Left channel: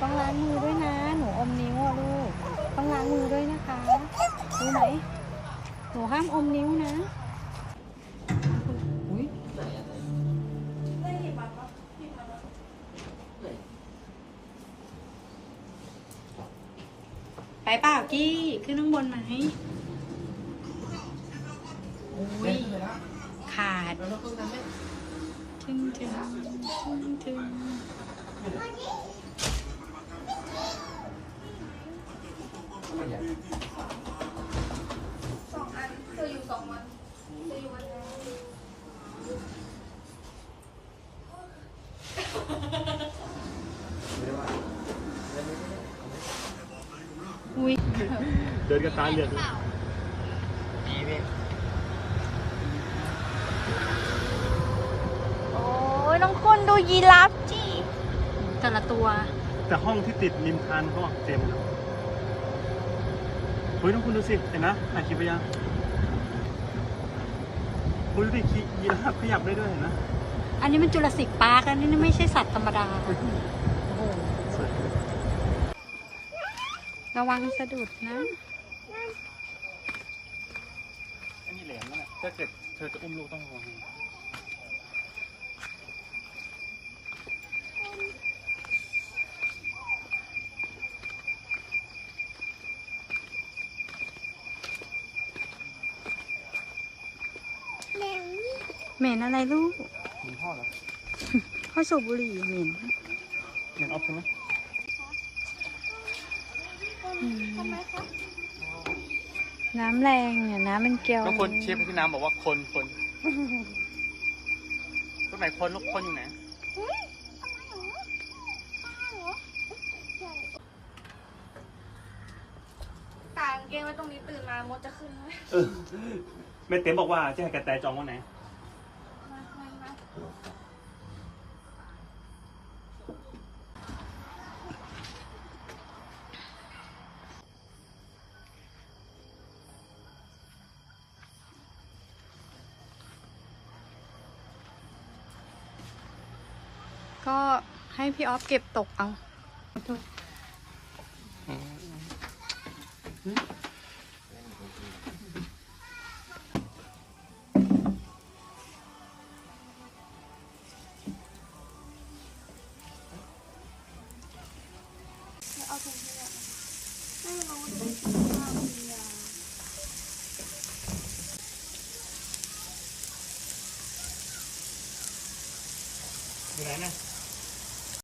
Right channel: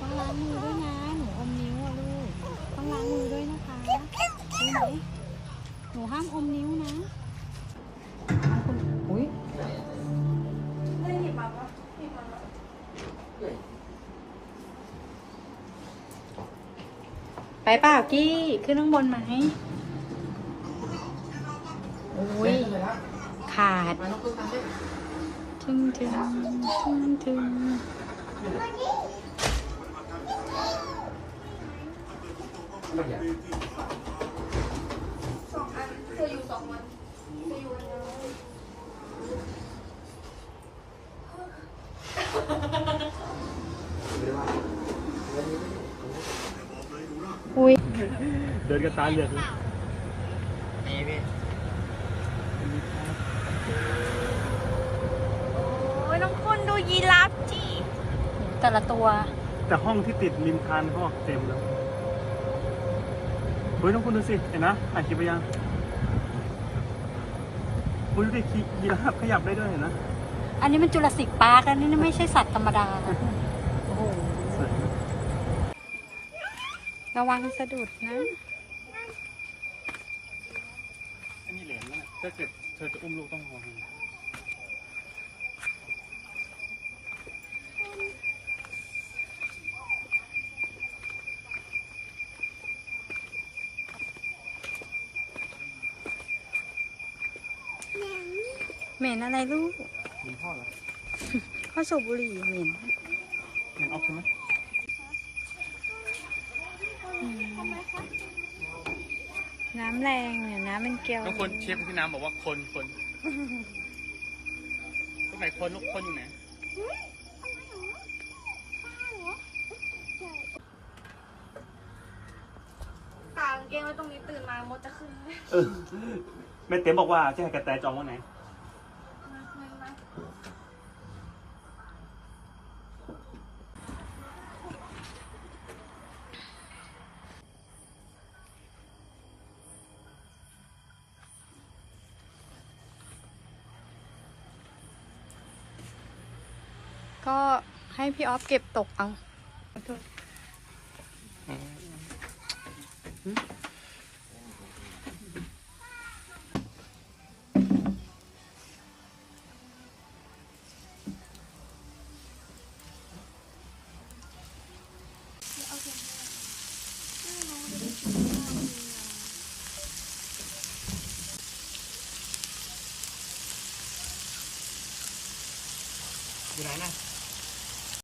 ต้องล้างมือด้วยนะ หนูอมนิ้วอะลูก ต้องล้างมือด้วยนะคะรู้ไหมหนูห้ามอมนิ้วนะอุ้ยไปเปล่ากี้ ขึ้นข้างบนไหมอุ้ยขาดถึงถึงถึงถึง ไม่อยากสองอันเธออยู่สองวันเธออยู่อันนึงอุ้ยเดินกันช้าเยอะเลยโอ้ยต้องคนดูยีราฟจีแต่ละตัว แต่ห้องที่ติดริมคานก็เต็ม เฮ้ยน้องคุณดูสิ เห็นนะอ่านคลิปไปยังคุณดูดิคียีราฟขยับได้ด้วยเห็นนะอันนี้มันจุลศิษย์ปาร์กอันนี้ไม่ใช่สัตว์ธรรมดา โอ้โห ระวังสะดุดนะ อันนี้แหลมแล้วนะถ้าเกิดเธอจะอุ้มลูกต้องระวัง เหม็นอะไรลูกเหมันพ่อเหรอข้าวสูบบุหรี่เหม็นเหมันเอาใช่ไหมอืมน้ำแรงเนี่ยน้ำมันเกลียวแล้วคนเชฟพี่น้ำบอกว่าคนคนตรงไหนคนลูกคนอยู่ไหนกางเกงไว้ตรงนี้ตื่นมามดจะขึ้นไหมเออแม่เต็มบอกว่าจะให้กระแตจองวันไหน มามามา ก็ให้พี่ออฟเก็บตกเอาอยู่ไหนนะ